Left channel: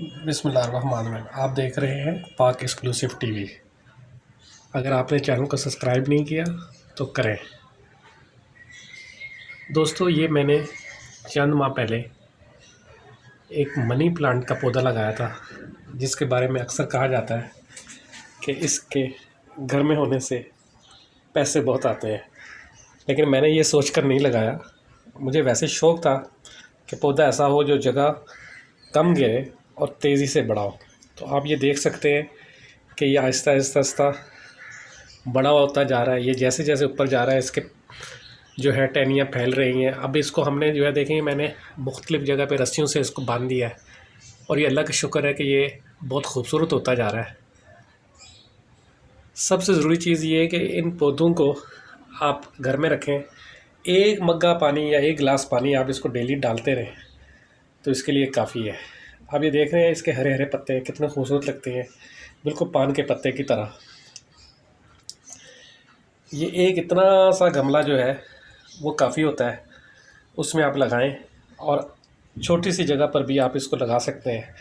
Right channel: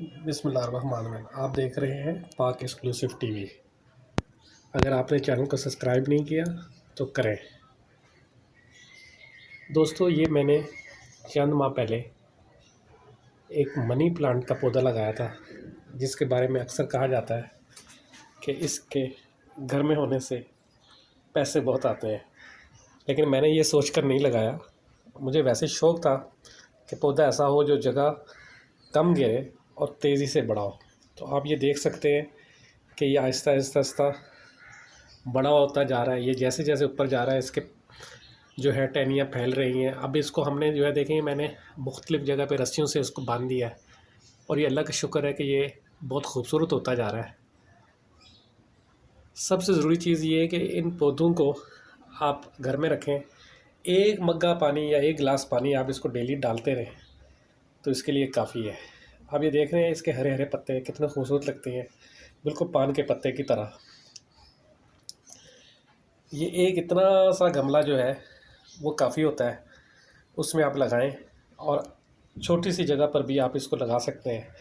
बिस्मिल्लाहिर्रहमानिर्रहीम। आप देख रहे हैं पाक एक्सक्लूसिव टीवी। अगर आपने चैनल को सब्सक्राइब नहीं किया तो करें। दोस्तों, ये मैंने चंद माह पहले एक मनी प्लांट का पौधा लगाया था, जिसके बारे में अक्सर कहा जाता है कि इसके घर में होने से पैसे बहुत आते हैं। लेकिन मैंने ये सोच कर नहीं लगाया। मुझे वैसे शौक़ था कि पौधा ऐसा हो जो जगह कम गिरे और तेज़ी से बड़ा हो। तो आप ये देख सकते हैं कि ये आहिस्ता आहिस्ता आहिस्ता बड़ा होता जा रहा है। ये जैसे जैसे ऊपर जा रहा है, इसके जो है टहनियाँ फैल रही हैं। अब इसको हमने जो है देखेंगे, मैंने मुख्तलिफ़ जगह पे रस्सियों से इसको बांध दिया है और ये अल्लाह का शुक्र है कि ये बहुत खूबसूरत होता जा रहा है। सबसे ज़रूरी चीज़ ये है कि इन पौधों को आप घर में रखें। एक मग्गा पानी या एक गिलास पानी आप इसको डेली डालते रहें तो इसके लिए काफ़ी है। आप ये देख रहे हैं, इसके हरे हरे पत्ते कितने खूबसूरत लगते हैं, बिल्कुल पान के पत्ते की तरह। ये एक इतना सा गमला जो है वो काफ़ी होता है, उसमें आप लगाएं और छोटी सी जगह पर भी आप इसको लगा सकते हैं।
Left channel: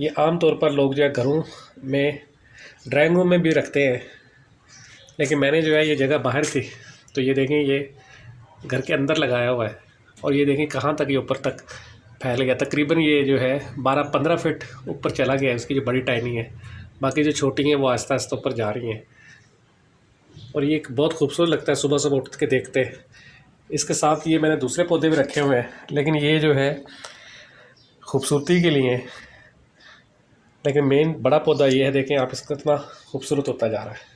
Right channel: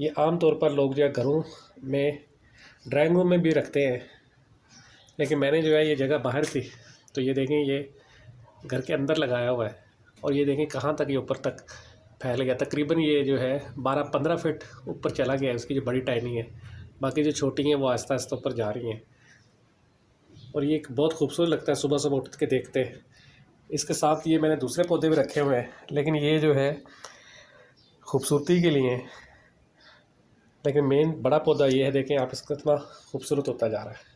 ये आम तौर पर लोग जो है घरों में, ड्राइंग रूम में भी रखते हैं, लेकिन मैंने जो है ये जगह बाहर थी तो ये देखें, ये घर के अंदर लगाया हुआ है और ये देखें कहाँ तक ये ऊपर तक फैल गया। तकरीबन ये जो है 12-15 फीट ऊपर चला गया है। इसकी जो बड़ी टहनी है, बाकी जो छोटी हैं वो आहिस्ता आहिस्ता ऊपर जा रही हैं और ये एक बहुत खूबसूरत लगता है सुबह सुबह उठ के देखते। इसके साथ ये मैंने दूसरे पौधे भी रखे हुए हैं, लेकिन ये जो है खूबसूरती के लिए, लेकिन मेन बड़ा पौधा ये है। देखें आप, इसका कितना खूबसूरत होता जा रहा है।